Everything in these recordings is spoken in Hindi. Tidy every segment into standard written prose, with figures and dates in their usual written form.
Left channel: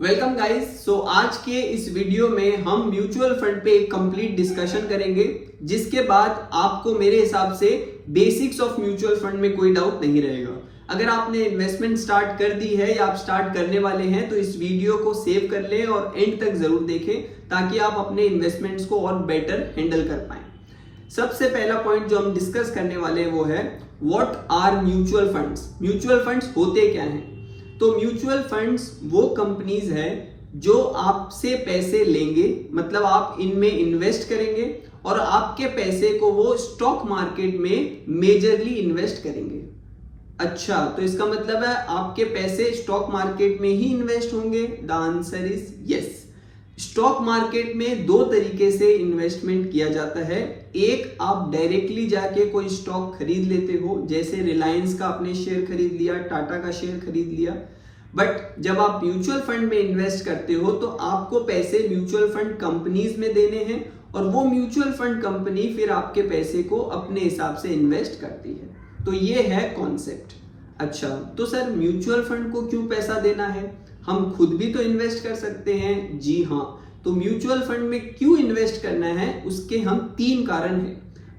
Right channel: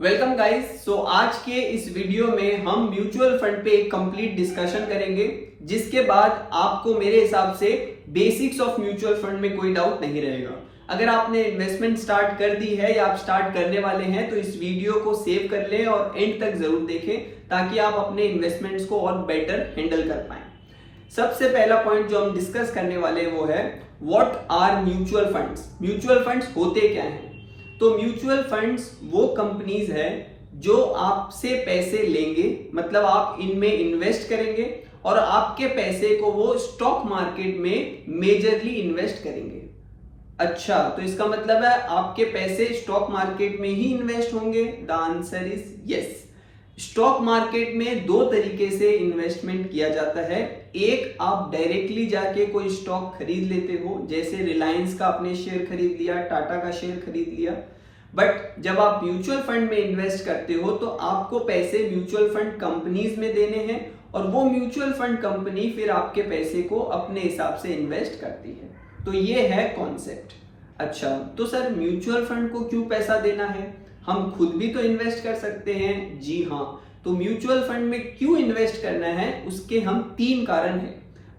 Welcome guys. सो आज के इस वीडियो में हम म्यूचुअल फंड पे एक कंप्लीट डिस्कशन करेंगे, जिसके बाद आपको मेरे हिसाब से बेसिक्स ऑफ म्यूचुअल फंड में कोई डाउट नहीं रहेगा। अगर आपने इन्वेस्टमेंट स्टार्ट कर दी है या आप स्टार्ट करने वाले हैं तो इस वीडियो को सेव कर लें और एंड तक जरूर देखें ताकि आप अपने इन्वेस्टमेंट्स को और बेटर हैंडल कर पाएं। सबसे पहला पॉइंट जो हम डिस्कस करने वाले हैं वो है what are mutual funds. Mutual funds होते क्या हैं? तो म्यूचुअल फंड्स वो कंपनीज है जो आपसे पैसे लेंगे, मतलब आप इनमें इन्वेस्ट करेंगे और आपके पैसे को वो स्टॉक मार्केट में मेजरली इन्वेस्ट करेंगे। अच्छा, तो इसका मतलब है आपके पैसे स्टॉक मार्केट में ही इन्वेस्ट होंगे? The answer is yes. Stock market में दो तरीके से इन्वेस्टमेंट किया जाता है। एक, आप डायरेक्टली जाके कोई स्टॉक खरीद लेते हो, जैसे रिलायंस का आपने शेयर खरीद लिया, टाटा का शेयर खरीद लिया। बट जब आप म्यूचुअल फंड में इन्वेस्ट करते हो तो आपको पैसे म्यूचुअल फंड कंपनीज में देने हैं और वो म्यूचुअल फंड कंपनी फिर आपके पैसे को अपने हिसाब से इन्वेस्ट करती है। तो ये है कॉन्सेप्ट। अच्छा, तो सर म्यूचुअल फंड को क्यों पैसा देना है? हम खुद भी तो इन्वेस्ट कर सकते हैं। जी हाँ, तो म्यूचुअल फंड में क्यों इन्वेस्ट करना है उसके हम तीन कारण हैं।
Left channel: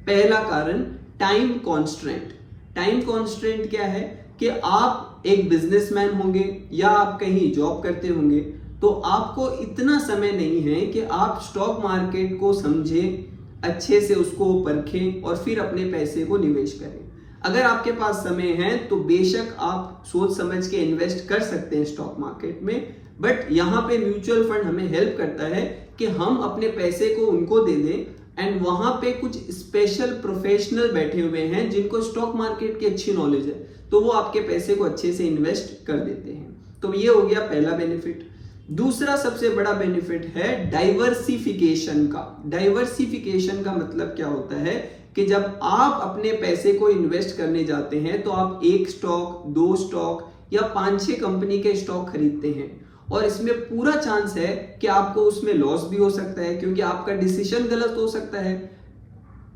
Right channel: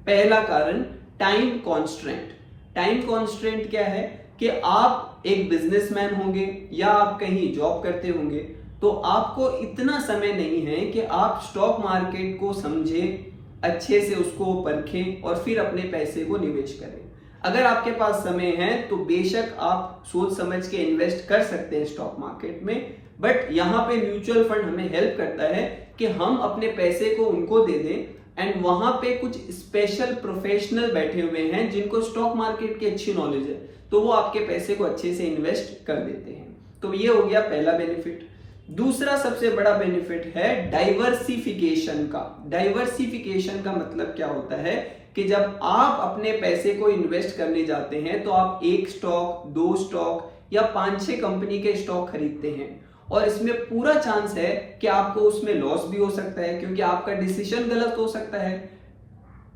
पहला कारण, टाइम कॉन्स्ट्रेंट। टाइम कॉन्स्ट्रेंट क्या है कि आप एक बिजनेसमैन होंगे या आप कहीं जॉब करते होंगे तो आपको इतना समय नहीं है कि आप स्टॉक मार्केट को समझें, अच्छे से उसको परखें और फिर अपने पैसे को निवेश करें। अगर आपके पास समय है तो बेशक आप सोच समझ के इन्वेस्ट कर सकते हैं स्टॉक मार्केट में, बट यहाँ पे म्यूचुअल फंड हमें हेल्प करता है कि हम अपने पैसे को उनको दे दें एंड वहां पे कुछ स्पेशल प्रोफेशनल बैठे हुए हैं जिनको स्टॉक मार्केट की अच्छी नॉलेज है, तो वो आपके पैसे को अच्छे से इन्वेस्ट कर देते हैं। तो ये हो गया पहला बेनिफिट। दूसरा सबसे बड़ा बेनिफिट है डाइवर्सिफिकेशन का। डाइवर्सिफिकेशन का मतलब क्या होता है कि जब आप अपने पैसे को इन्वेस्ट करने जाते हैं तो आप एक स्टॉक, दो स्टॉक या 5-6 कंपनी के स्टॉक खरीदते हैं और इसमें पूरा चांस है कि आपको उसमें लॉस भी हो सकता है क्योंकि आपका डिसीजन गलत हो सकता है।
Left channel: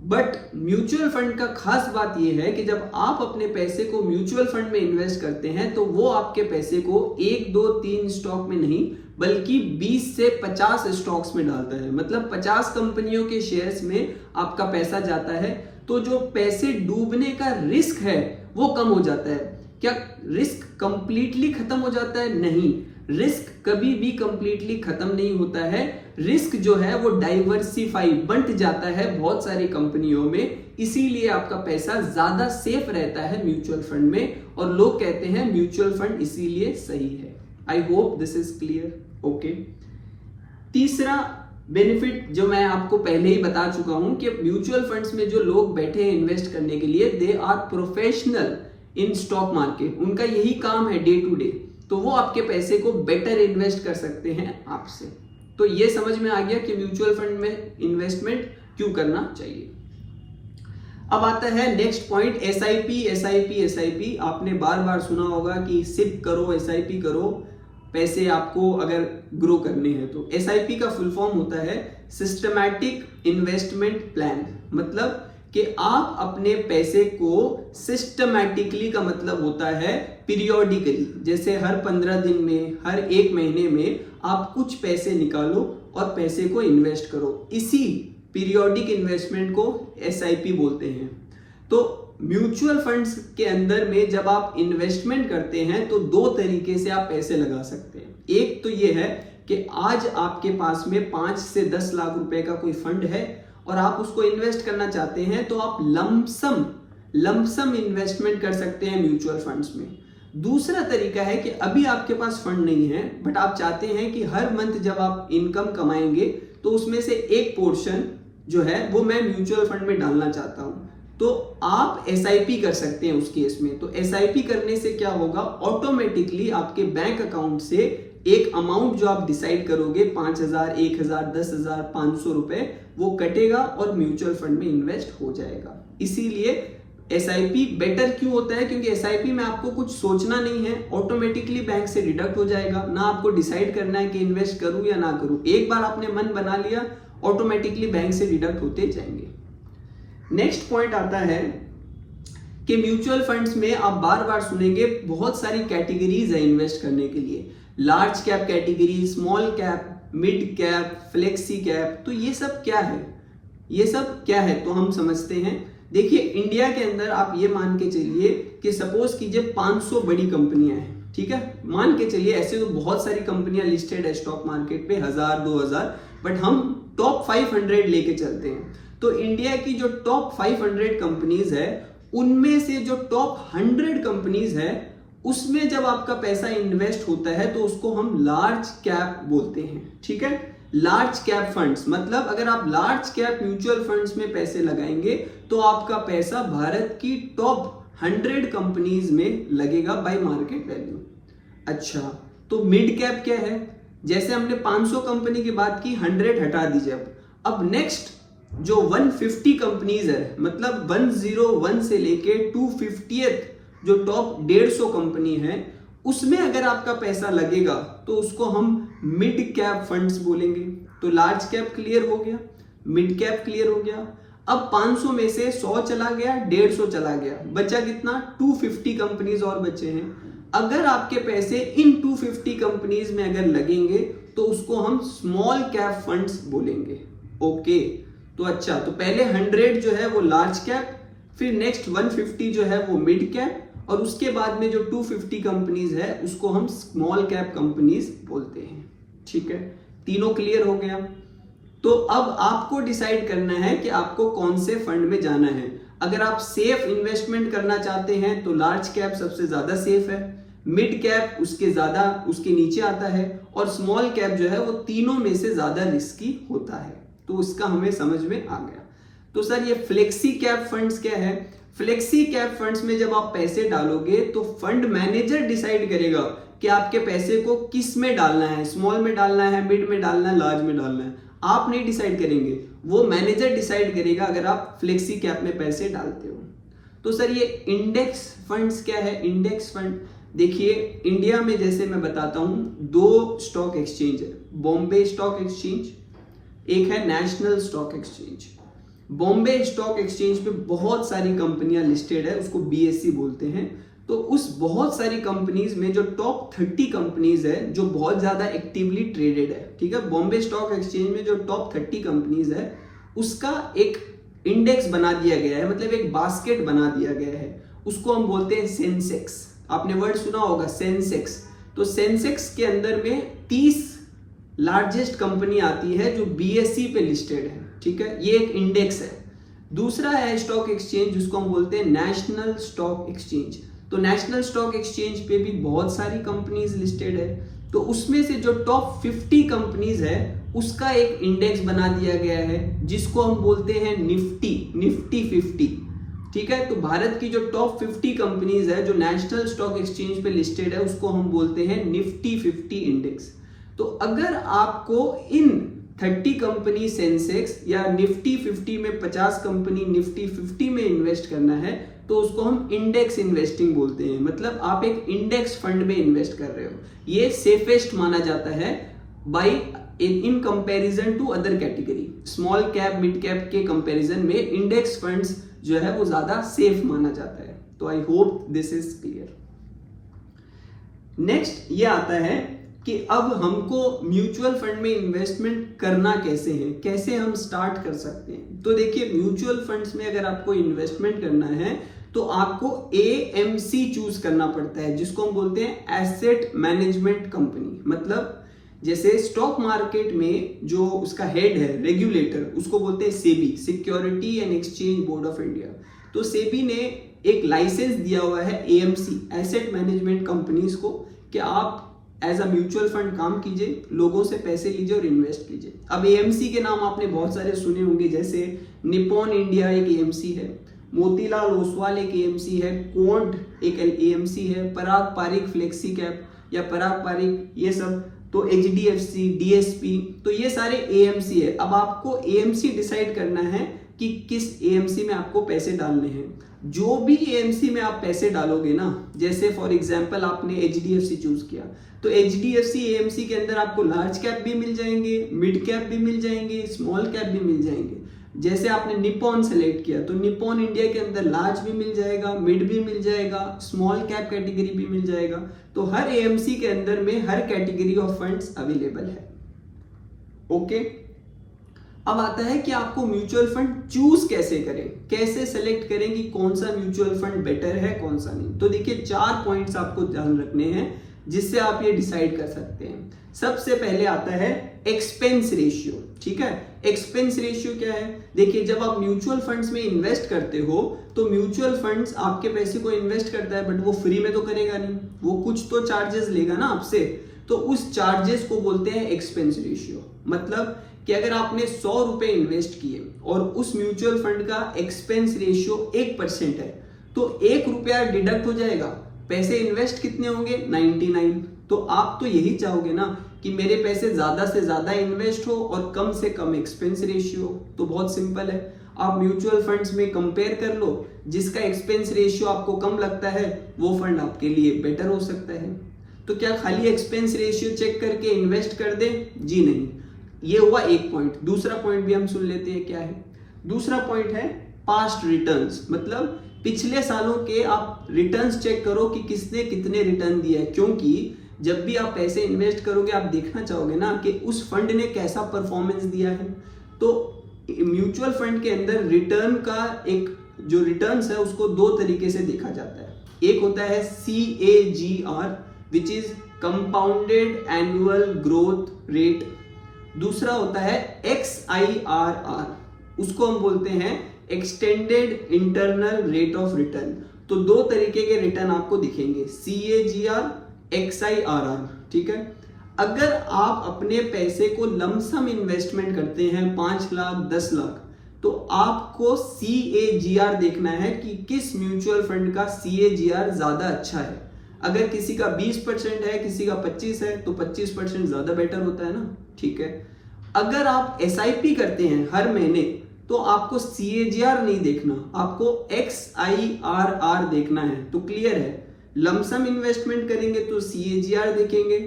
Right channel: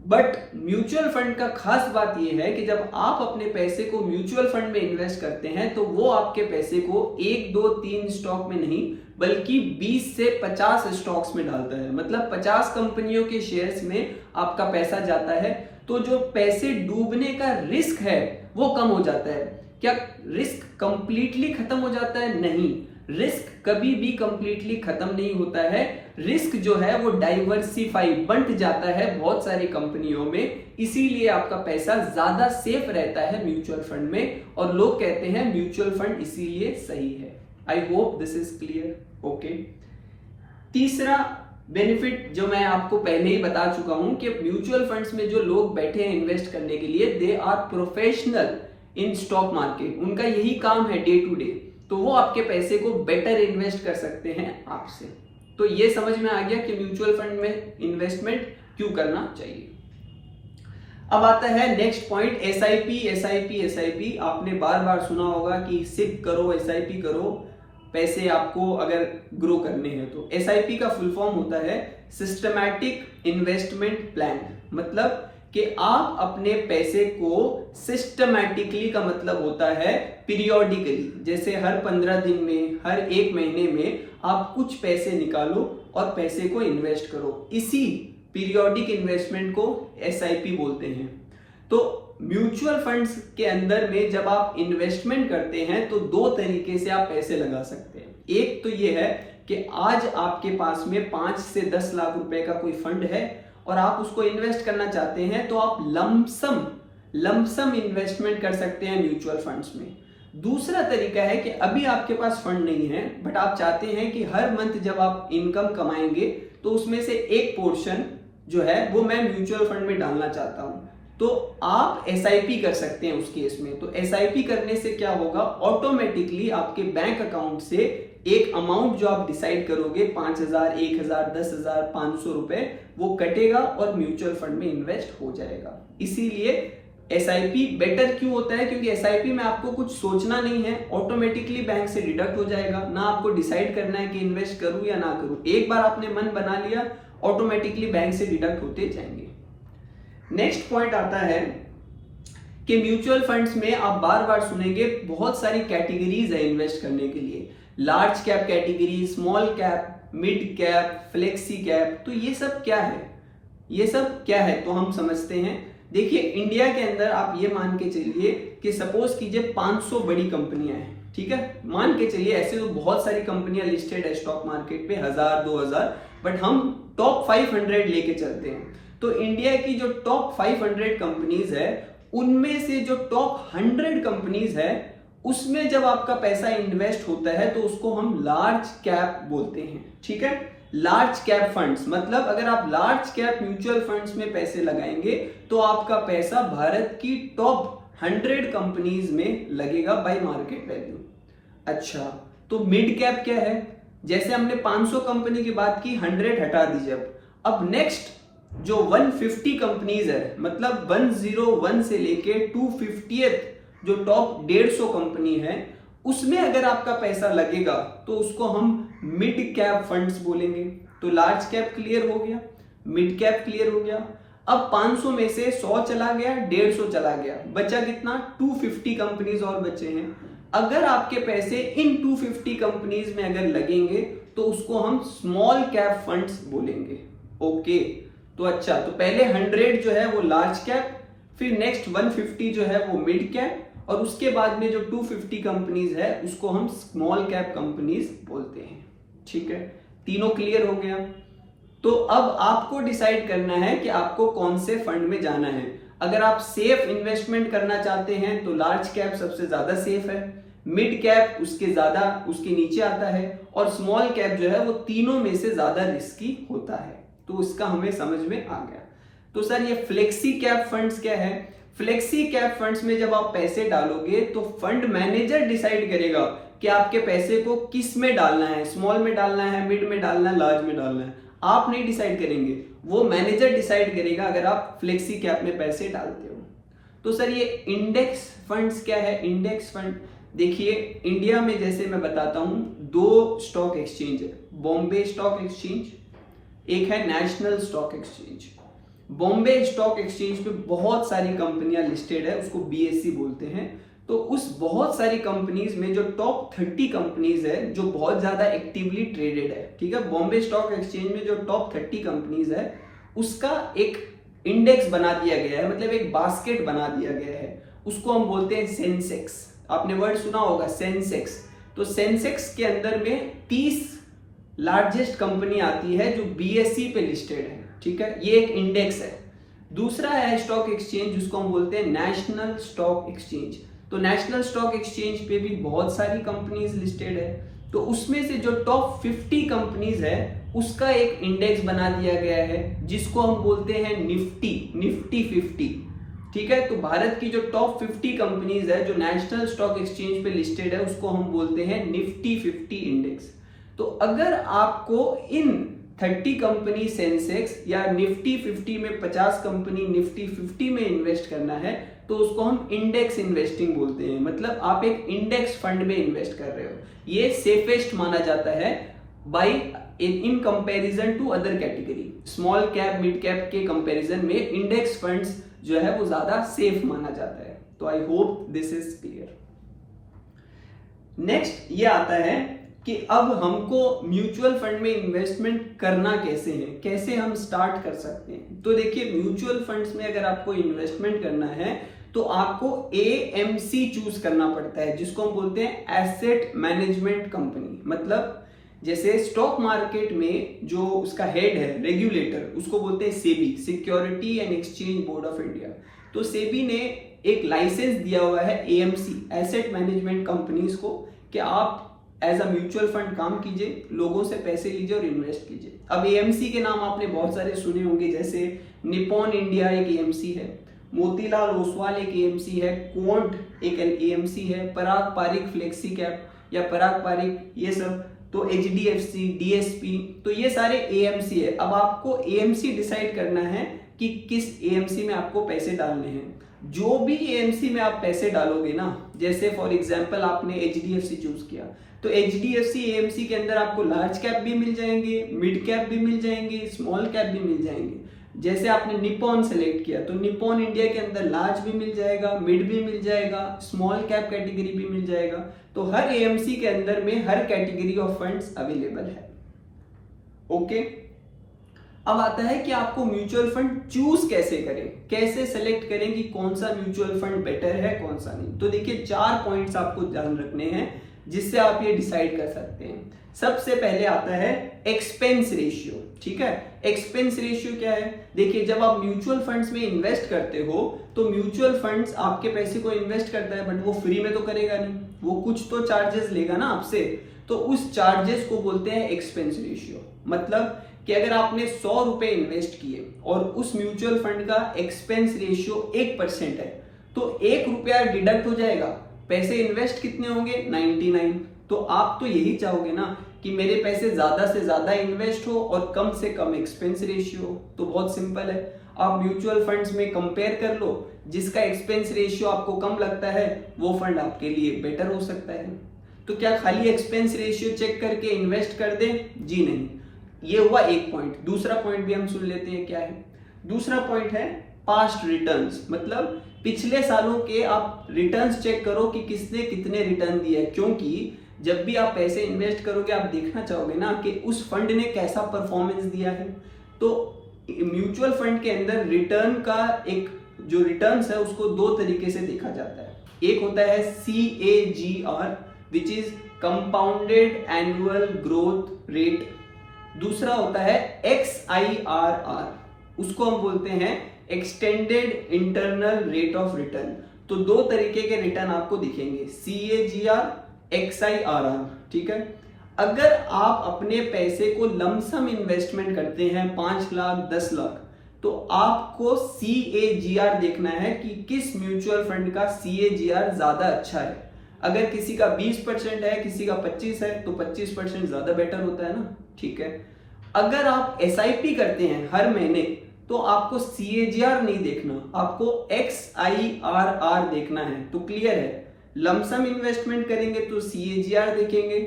बट म्यूचुअल फंड का खास बात यह है कि जब आप अपने पैसे को म्यूचुअल फंड में इन्वेस्ट करते हैं तो वो आपके पैसे को 1, 2, 3 स्टॉक में नहीं बल्कि 20 से 50 स्टॉक्स में डालता है। मतलब 50 कंपनियों के शेयर्स में आपका पैसा जाता है, तो जो पैसे डूबने का रिस्क है वो कम हो जाता है। क्या रिस्क कंप्लीटली खत्म हो जाता है? नहीं, रिस्क कभी भी कंप्लीटली खत्म नहीं होता है। रिस्क जो है वो डाइवर्सिफाई, बंट जाता है बहुत सारी कंपनियों में, इसीलिए आपका पैसा ज्यादा सेफ रहता है म्यूचुअल फंड में और लोग कहते हैं म्यूचुअल फंड इसीलिए सही है। आई hope this is clear. Okay, तीसरा बेनिफिट जो मैं आपको पहले ही बता चुका हूं कि म्यूचुअल फंड्स में जो लोग बैठे हैं इन्वेस्ट करने के लिए, they are professional in stock market. उनका यही काम है डे टू डे, तो वो आपके पैसे को बेटर इन्वेस्ट कर सकते हैं आपसे। तो ये समझ में आ गया कि म्यूचुअल फंड में इन्वेस्टमेंट क्यों करना चाहिए। अब आता है next point, SIP. SIP SIP आपने बार बार सुना होगा कि सिप करो, एसआईपी करो, पैसे आपको अगर ग्रो करने हैं तो। एसआईपी का फुल फॉर्म होता है सिस्टमैटिक इन्वेस्टमेंट प्लान। मतलब कि आप अपने पैसे को सिस्टमैटिकली का मतलब होता है पीरियोडिकली, जैसे हर 15 दिन में, हर 1 महीने में आप कुछ पैसे निकालो और पैसे को इन्वेस्ट करो। इसी पीरियोडिक इन्वेस्टमेंट को एसआईपी बोलते हैं। तो म्यूचुअल फंड्स के अंदर में जब आप इन्वेस्टमेंट करते हैं तो दो तरीके से आप पैसे लगा सकते हैं। एक तो ये है कि आज आपके पास में 5 से 10 लाख रुपए का कोई फंड है और आप उसको इन्वेस्ट करना चाहते हैं तो आप लमसम इन्वेस्टमेंट कर सकते हैं म्यूचुअल फंड्स में। दूसरा तरीका है कि अभी आपके पास फंड नहीं है बट आप चाहते हैं कि हर मंथ जब आप इनकम कमाएंगे तो उसमें से एक पोर्शन जो है वो मैं म्यूचुअल फंड में डालना चाहता हूं, तो आप एसआईपी कर सकते हैं उस केस में। तो एसआईपी करने से क्या होगा, ऑटोमेटिकली आपके बैंक अकाउंट से एक अमाउंट जो आप डिसाइड करोगे, 5,000, 1,000, 10,000, 500 रुपए, वो कटेगा और म्यूचुअल फंड में इन्वेस्ट हो जाएगा। इसीलिए एसआईपी बेटर क्यों होता है, क्योंकि एसआईपी में आपको कुछ सोचना नहीं है, ऑटोमेटिकली बैंक से डिडक्ट हो जाएगा। ना आपको डिसाइड करना है कि इन्वेस्ट करूं या ना करूं, एक बार आपने मन बना लिया ऑटोमेटिकली बैंक से डिडक्ट होते जाएंगे। नेक्स्ट पॉइंट आता है कि म्यूचुअल फंड्स में आप बार बार सुनेंगे बहुत सारी कैटेगरीज है इन्वेस्ट करने के लिए। Large cap category, small cap, mid cap, flexi cap. तो ये सब क्या है, ये सब क्या है तो हम समझते हैं। देखिए इंडिया के अंदर आप ये मान के चलिए कि सपोज कीजिए 500 बड़ी कंपनियां हैं, ठीक है, मान के चलिए। ऐसे तो बहुत सारी कंपनियां लिस्टेड है स्टॉक मार्केट पे, 1000 2000, बट हम टॉप 500 लेके चलते हैं। तो इंडिया की जो टॉप 500 कंपनीज है उनमें से जो टॉप 100 कंपनीज है उसमें जब आपका पैसा इन्वेस्ट होता है तो उसको हम लार्ज कैप बोलते हैं, ठीक है। लार्ज कैप फंड्स मतलब अगर आप लार्ज कैप म्यूचुअल फंड्स में पैसे लगाएंगे तो आपका पैसा भारत की टॉप 100 कंपनीज में लगेगा बाय मार्केट वैल्यू। अच्छा, तो मिड कैप क्या है? जैसे हमने 500 कंपनी की बात की, 100 हटा दीजिए। अब नेक्स्ट जो 150 कंपनीज है, मतलब 101 से लेके 250th जो टॉप 150 कंपनी है उसमें अगर आपका पैसा लगेगा तो उसको हम मिड कैप फंड्स बोलेंगे। तो लार्ज कैप क्लियर हो गया, मिड कैप क्लियर हो गया। अब 500 में से 100 चला गया, 150 चला गया, बचा कितना? 250 कंपनीज और बचे हैं। अगर आपके पैसे इन 250 कंपनीज में अगर लगेंगे तो उसको हम स्मॉल कैप फंड्स बोलेंगे। ओके, तो अच्छा, तो पहले 100 जो है वो लार्ज कैप, फिर नेक्स्ट 150 जो है वो मिड कैप, और उसके बाद में जो 250 कंपनीज है उसको हम स्मॉल कैप कंपनीज बोलते हैं, ठीक है। तीनों क्लियर हो गया। तो अब आपको डिसाइड करना है कि आपको कौन से फंड में जाना है। अगर आप सेफ इन्वेस्टमेंट करना चाहते हैं तो लार्ज कैप सबसे ज्यादा सेफ है, मिड कैप उसके नीचे आता है, और स्मॉल कैप जो है वो तीनों में से ज्यादा रिस्की होता है। तो इसका हमें समझ में आ गया। तो सर ये फ्लेक्सी कैप फंड्स क्या है? फ्लेक्सी कैप फंड्स में जब आप पैसे डालोगे तो फंड मैनेजर डिसाइड करेगा कि आपके पैसे को किस में डालना है, स्मॉल में डालना है, मिड में डालना है, लार्ज में डालना है। आप नहीं डिसाइड करेंगे, वो मैनेजर डिसाइड करेगा अगर आप फ्लेक्सी कैप में पैसे डालते हो। तो सर ये इंडेक्स फंड्स क्या है? इंडेक्स फंड देखिए इंडिया में जैसे मैं बताता हूं 2 स्टॉक एक्सचेंज है, बॉम्बे स्टॉक एक्सचेंज, एक है national stock exchange. Bombay stock exchange पे बहुत सारी कंपनियां लिस्टेड है, उसको बीएससी बोलते हैं। तो उस बहुत सारी कंपनीज में जो टॉप 30 कंपनीज है जो बहुत ज्यादा एक्टिवली ट्रेडेड है, ठीक है, बॉम्बे स्टॉक एक्सचेंज में जो टॉप 30 कंपनीज है उसका एक इंडेक्स बना दिया गया है, मतलब एक बास्केट बना दिया गया है, उसको हम बोलते हैं सेंसेक्स। आपने वर्ड सुना होगा सेंसेक्स। तो सेंसेक्स के अंदर में 30 लार्जेस्ट कंपनी आती है जो बीएससी पे लिस्टेड है, ठीक है, ये एक इंडेक्स है। दूसरा है स्टॉक एक्सचेंज जिसको हम बोलते हैं नेशनल स्टॉक एक्सचेंज। तो नेशनल स्टॉक एक्सचेंज पे भी बहुत सारी कंपनीज लिस्टेड है, तो उसमें से जो टॉप 50 कंपनीज है उसका एक इंडेक्स बना दिया गया है जिसको हम बोलते हैं निफ्टी 50, ठीक है। तो भारत की जो टॉप 50 कंपनीज है जो नेशनल स्टॉक एक्सचेंज पे लिस्टेड है उसको हम बोलते हैं निफ्टी 50 इंडेक्स। तो अगर आपको इन 30 कंपनी सेंसेक्स या निफ्टी 50 में 50 कंपनी निफ्टी 50 में इन्वेस्ट करना है तो उसको हम इंडेक्स इन्वेस्टिंग बोलते हैं, मतलब आप एक इंडेक्स फंड में इन्वेस्ट कर रहे हो। ये सेफेस्ट माना जाता है by in comparison to other category. Small cap mid cap के कंपैरिजन में इंडेक्स फंड्स जो है वो ज्यादा सेफ माना जाता है। तो I hope this is clear. Next ये आता है कि अब हमको म्यूचुअल फंड में इन्वेस्टमेंट करना कैसे है, कैसे हम स्टार्ट कर सकते हैं। तो देखिए म्यूचुअल फंड्स में अगर आपको इन्वेस्टमेंट करना है तो आपको एएमसी चूज करना पड़ता है जिसको हम बोलते हैं एसेट मैनेजमेंट कंपनी। मतलब जैसे स्टॉक मार्केट में जो उसका हेड है रेगुलेटर उसको बोलते हैं SEBI, security and exchange board of India. तो सेबी ने एक लाइसेंस दिया हुआ है एएमसी एसेट मैनेजमेंट कंपनीज को कि आप एज अ म्यूचुअल फंड काम कीजिए, लोगों से पैसे लीजिए और इन्वेस्ट कीजिए। अब एएमसी के नाम आपने बहुत सारे सुने होंगे, जैसे निपॉन इंडिया एक एएमसी है, मोतीलाल ओसवाल एक एएमसी है, कोंट एक एएमसी है, पराग पारिक फ्लेक्सी कैप या पराग पारिक ये सब, तो एचडीएफसी, डीएसपी, तो ये सारे एएमसी है। अब आपको एएमसी डिसाइड करना है कि किस एएमसी में आपको पैसे डालने हैं। जो भी एएमसी में आप पैसे डालोगे ना, जैसे फॉर एग्जांपल आपने एचडीएफसी चूज किया तो एचडीएफसी एएमसी के अंदर आपको लार्ज कैप भी मिल जाएंगे, मिड कैप भी मिल जाएंगे, स्मॉल कैप भी मिल जाएंगे। जैसे आपने निपॉन सेलेक्ट किया तो निपॉन इंडिया के अंदर लार्ज भी मिल जाएगा, मिड भी मिल जाएगा, स्मॉल कैप कैटेगरी भी मिल जाएगा। तो हर एएमसी के अंदर में हर कैटेगरी ऑफ फंड्स अवेलेबल है। ओके, अब आता है कि आपको म्यूचुअल फंड चूज कैसे करें, कैसे सेलेक्ट करें कि कौन सा म्यूचुअल फंड बेटर है कौन सा नहीं। तो देखिए 4 पॉइंट्स आपको ध्यान रखने हैं जिससे आप ये डिसाइड कर सकते हैं। सबसे पहले आता है एक्सपेंस रेशियो। ठीक है, एक्सपेंस रेशियो क्या है? देखिए जब आप म्यूचुअल फंड्स में इन्वेस्ट करते हो तो म्यूचुअल फंड्स आपके पैसे को इन्वेस्ट करता है, बट वो फ्री में तो करेगा नहीं, वो कुछ तो चार्जेस लेगा ना आपसे। तो उस चार्जेस को बोलते हैं एक्सपेंस रेशियो। मतलब कि अगर आपने 100 रुपए इन्वेस्ट किए और उस म्यूचुअल फंड का एक्सपेंस रेशियो 1% है तो 1 रुपया डिडक्ट हो जाएगा, पैसे इन्वेस्ट कितने होंगे? 99। तो आप तो यही चाहोगे ना कि मेरे पैसे ज्यादा से ज्यादा इन्वेस्ट हो और कम से कम एक्सपेंस रेशियो हो। तो बहुत सिंपल है, आप म्यूचुअल फंड्स में कंपेयर कर लो, जिसका एक्सपेंस रेशियो आपको कम लगता है वो फंड आपके लिए बेटर हो सकता है। तो क्या खाली एक्सपेंस रेशियो चेक करके इन्वेस्ट कर दें? जी नहीं। ये हुआ एक पॉइंट। दूसरा पॉइंट भी हम सुन लेते हैं क्या है। दूसरा पॉइंट है पास्ट रिटर्न्स, मतलब पिछले सालों के आप रिटर्न्स चेक करो कि किसने कितने रिटर्न दिया है, क्योंकि जब भी आप पैसे इन्वेस्ट करोगे आप देखना चाहोगे ना कि उस फंड ने कैसा परफॉर्मेंस दिया है। तो म्यूचुअल फंड के अंदर रिटर्न का एक जो रिटर्न्स है उसको 2 तरीके से देखा जाता है। एक होता है CAGR which is compounded annual growth rate, दूसरा होता है XIRR, उसको हम बोलते हैं extended internal rate of return. तो 2 तरीके के रिटर्न आपको दिखेंगे, CAGR, XIRR। ठीक है, अगर आप अपने पैसे को लमसम इन्वेस्टमेंट करते हैं 5 लाख 10 लाख तो आपको CAGR देखना है कि किस म्यूचुअल फंड का CAGR ज्यादा अच्छा है। अगर किसी का 20% है, किसी का 25 है तो 25% ज्यादा बेटर होता है ना। ठीक है, अगर आप SIP करते हैं हर महीने तो आपको CAGR नहीं देखना, आपको XIRR देखना है। तो क्लियर है, लमसम इन्वेस्टमेंट करेंगे तो CAGR देखेंगे,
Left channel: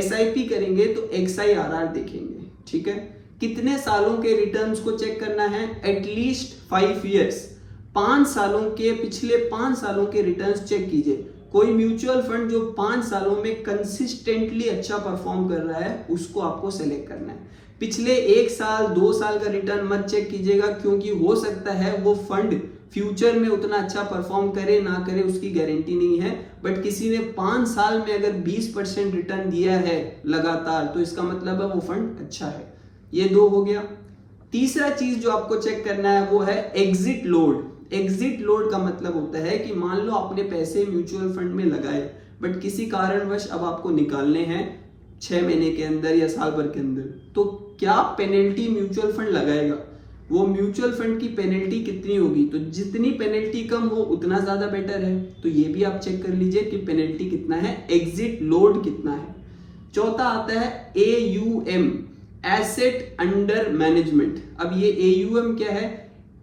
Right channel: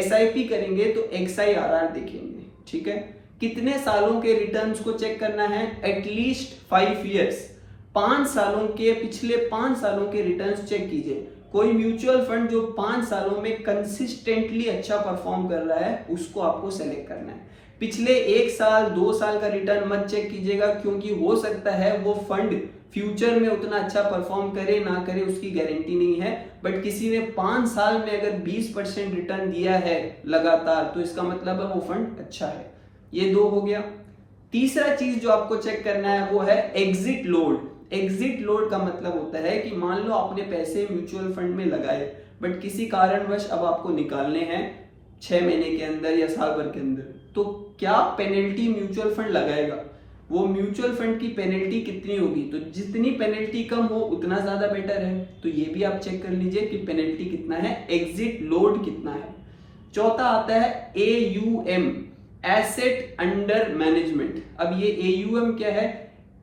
SIP करेंगे तो XIRR देखेंगे। ठीक है, कितने सालों के रिटर्न्स को चेक करना है? एटलीस्ट 5 ईयर्स, 5 सालों के, पिछले 5 सालों के रिटर्न्स चेक कीजिए। कोई म्यूचुअल फंड जो 5 सालों में कंसिस्टेंटली अच्छा परफॉर्म कर रहा है उसको आपको सेलेक्ट करना है। पिछले 1 साल 2 साल का रिटर्न मत चेक कीजिएगा, क्योंकि हो सकता है वो फंड फ्यूचर में उतना अच्छा परफॉर्म करे ना करे उसकी गारंटी नहीं है, बट किसी ने 5 साल में अगर 20% रिटर्न दिया है लगातार तो इसका मतलब है वो फंड अच्छा है। ये 2 हो गया। तीसरा चीज जो आपको चेक करना है वो है एग्जिट लोड। एग्जिट लोड का मतलब होता है कि मान लो आपने पैसे म्यूचुअल फंड में लगाए बट किसी कारणवश अब आपको निकालने हैं 6 महीने के अंदर या साल भर के अंदर, तो क्या पेनल्टी म्यूचुअल फंड लगाएगा? वो म्यूचुअल फंड की पेनल्टी कितनी होगी? तो जितनी पेनल्टी कम हो उतना ज्यादा बेटर है। तो ये भी आप चेक कर लीजिए कि पेनल्टी कितना है, एग्जिट लोड कितना है। चौथा आता है AUM, एसेट अंडर मैनेजमेंट। अब ये AUM क्या है?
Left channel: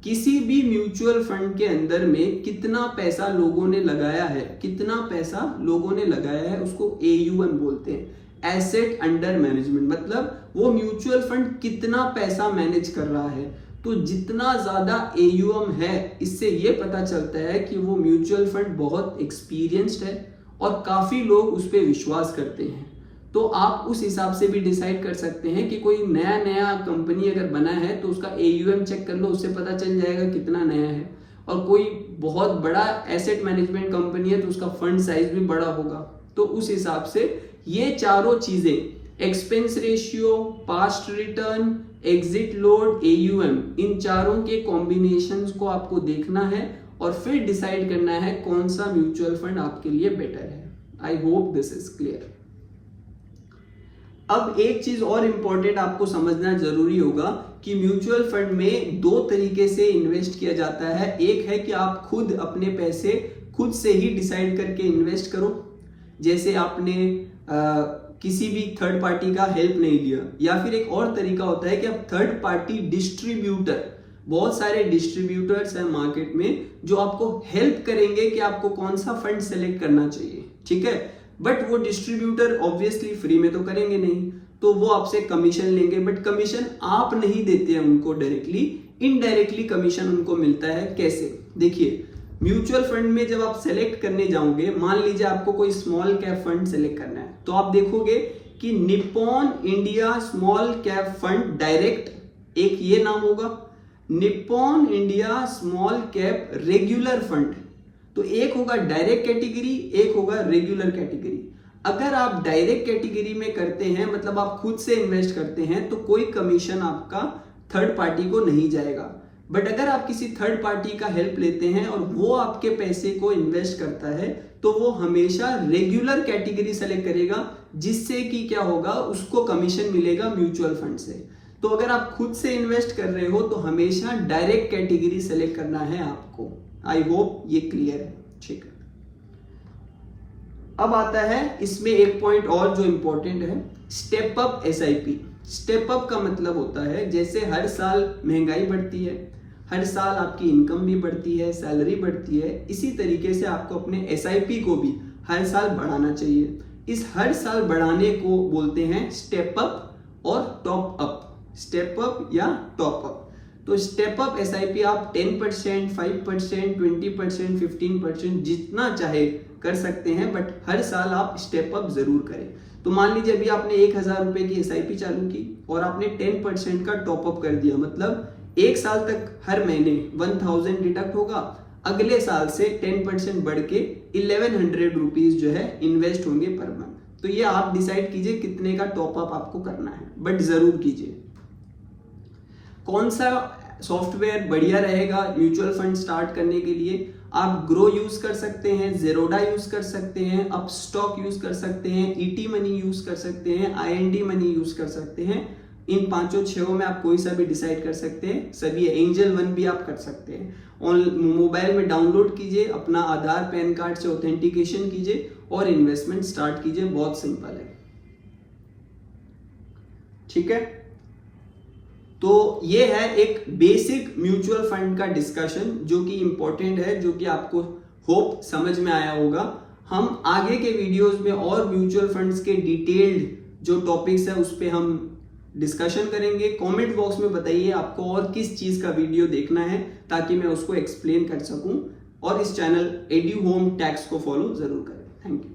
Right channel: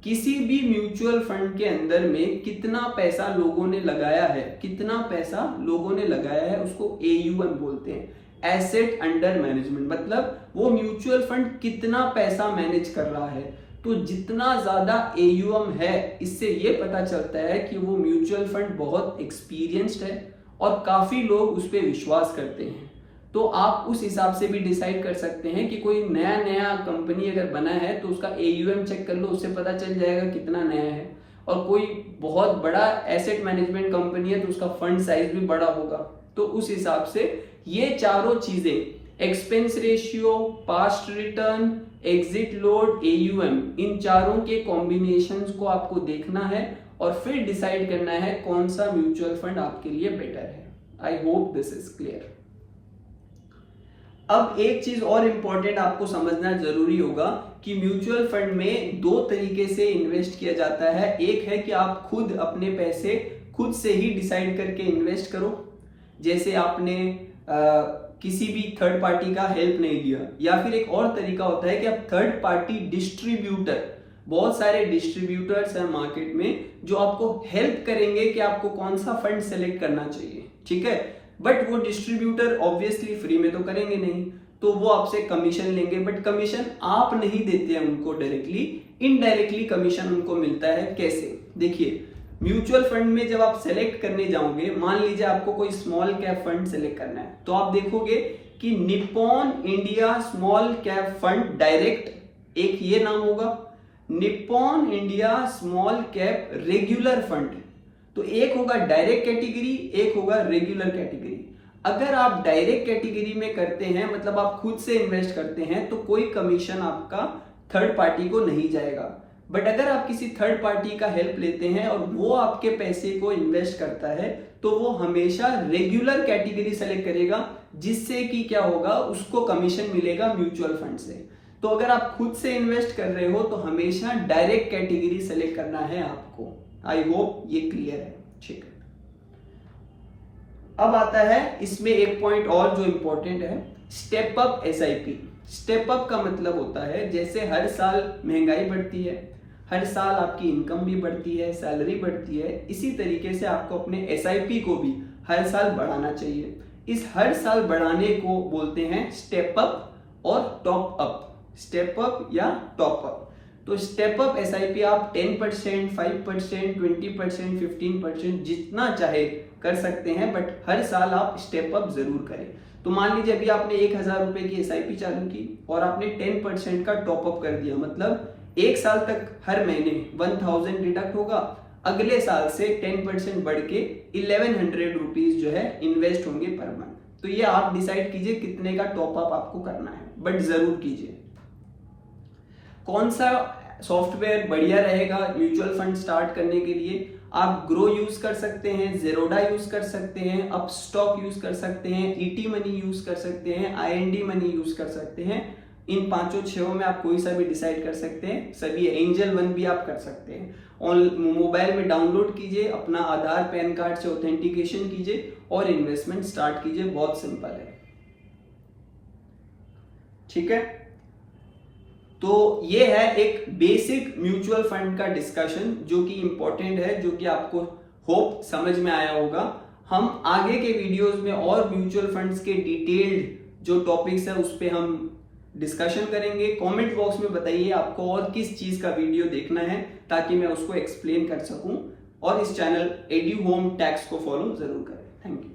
किसी भी म्यूचुअल फंड के अंदर में कितना पैसा लोगों ने लगाया है, कितना पैसा लोगों ने लगाया है उसको AUM बोलते हैं, एसेट अंडर मैनेजमेंट। मतलब वो म्यूचुअल फंड कितना पैसा मैनेज कर रहा है। तो जितना ज्यादा AUM है इससे ये पता चलता है कि वो म्यूचुअल फंड बहुत एक्सपीरियंस्ड है और काफी लोग उस पर विश्वास करते हैं। तो आप उस हिसाब से भी डिसाइड कर सकते हैं कि कोई नया कंपनी अगर बना है तो उसका AUM चेक कर लो, उससे पता चल जाएगा कितना नया है। और कोई बहुत बड़ा एसेट मैनेजमेंट कंपनी है तो उसका फंड साइज भी बड़ा होगा। तो उस हिसाब से ये चारों चीजें, expense ratio, past return, exit load, AUM, इन चारों के कॉम्बिनेशंस को आपको देखना है और फिर डिसाइड करना है कौन सा म्यूचुअल फंड आपके लिए बेटर है। आई होप दिस इज क्लियर। अब एक चीज और इंपॉर्टेंट आपको समझना जरूरी होगा कि म्यूचुअल फंड में 2 तरीके से इन्वेस्ट किया जाता है। एक है कि आप खुद अपने पैसे खुद से ही डिसाइड करके इन्वेस्ट करो, जैसे आपने किसी भी थर्ड पार्टी का हेल्प नहीं लिया, या फिर एक और तरीका होता है कि आप थर्ड पार्टी डिस्ट्रीब्यूटर, बहुत सारे डिस्ट्रीब्यूटर्स हैं मार्केट में जो आपको हेल्प करेंगे कि आपको कौन सा फंड सेलेक्ट करना चाहिए। ठीक है, बट वो डिस्ट्रीब्यूटर ऑब्वियसली फ्री में तो करेंगे नहीं, तो वो आपसे कमीशन लेंगे, बट कमीशन आप नहीं देते हैं उनको डायरेक्टली, इनडायरेक्टली कमीशन उनको मिलता है। कैसे? देखिए, म्यूचुअल फंड में जब आप सेलेक्ट करने जाओगे, मान लीजिए आपको कोई स्मॉल कैप फंड सेलेक्ट करना है, तो आप देखोगे कि Nippon India small cap fund direct, एक ये नाम होगा, Nippon India small cap regular fund. तो एक होगा डायरेक्ट कैटेगरी, एक होगा रेगुलर कैटेगरी। अगर आप डायरेक्ट कैटेगरी में करते हैं, मतलब आप खुद से इन्वेस्ट करते हैं, तो कोई कमीशन आपका थर्ड पार्टी को नहीं जाएगा। बट अगर आप किसी थर्ड पार्टी का हेल्प लेते हैं और वो आपके पैसे को इन्वेस्ट करता है, तो वो हमेशा रेगुलर कैटेगरी सेलेक्ट करेगा, जिससे कि क्या होगा, उसको कमीशन मिलेगा म्यूचुअल फंड से। तो अगर आप खुद से इन्वेस्ट कर रहे हो तो हमेशा डायरेक्ट कैटेगरी सेलेक्ट करना है आपको। आई होप ये क्लियर है। ठीक है, अब आता है इसमें एक पॉइंट और जो इंपॉर्टेंट है, step up SIP. Step up का मतलब होता है जैसे हर साल महंगाई बढ़ती है, हर साल आपकी इनकम भी बढ़ती है, सैलरी बढ़ती है, इसी तरीके से आपको अपने एसआईपी को भी हर साल बढ़ाना चाहिए। इस हर साल बढ़ाने को बोलते हैं स्टेप अप और टॉप अप। स्टेप अप या टॉप अप। तो स्टेप अप एसआईपी आप 10%, 5%, 20%, 15% जितना चाहे कर सकते हैं, बट हर साल आप स्टेप अप जरूर करें। तो मान लीजिए अभी आपने 1000 रुपए की एसआईपी चालू की और आपने 10% का टॉप अप कर दिया, मतलब एक साल तक हर महीने 1000 डिडक्ट होगा, अगले साल से 10% बढ़ के 1100 रुपीज जो है इन्वेस्ट होंगे पर मंथ। तो ये आप डिसाइड कीजिए कितने का टॉप अप आपको करना है, बट जरूर कीजिए। कौन सा सॉफ्टवेयर बढ़िया रहेगा म्यूचुअल फंड स्टार्ट करने के लिए? आप ग्रो यूज कर सकते हैं, जेरोडा यूज कर सकते हैं, अपस्टॉक यूज कर सकते हैं, ईटी मनी यूज कर सकते हैं, आईएनडी मनी यूज कर सकते हैं। इन 5-6 में आप कोई सा भी डिसाइड कर सकते हैं। सभी एंजल वन भी आप कर सकते हैं। और मोबाइल में डाउनलोड कीजिए, अपना आधार पैन कार्ड से ऑथेंटिकेशन कीजिए और इन्वेस्टमेंट स्टार्ट कीजिए। बहुत सिंपल है। ठीक है, तो ये है एक बेसिक म्यूचुअल फंड का डिस्कशन जो कि इंपॉर्टेंट है, जो कि आपको होप समझ में आया होगा। हम आगे के वीडियोस में और म्यूचुअल फंड्स के डिटेल्ड जो टॉपिक्स है उस पे हम डिस्कशन करेंगे। कमेंट बॉक्स में बताइए आपको और किस चीज का वीडियो देखना है, ताकि मैं उसको एक्सप्लेन कर सकूं। और इस चैनल एड्यू होम टैक्स को फॉलो जरूर करें। Thank you.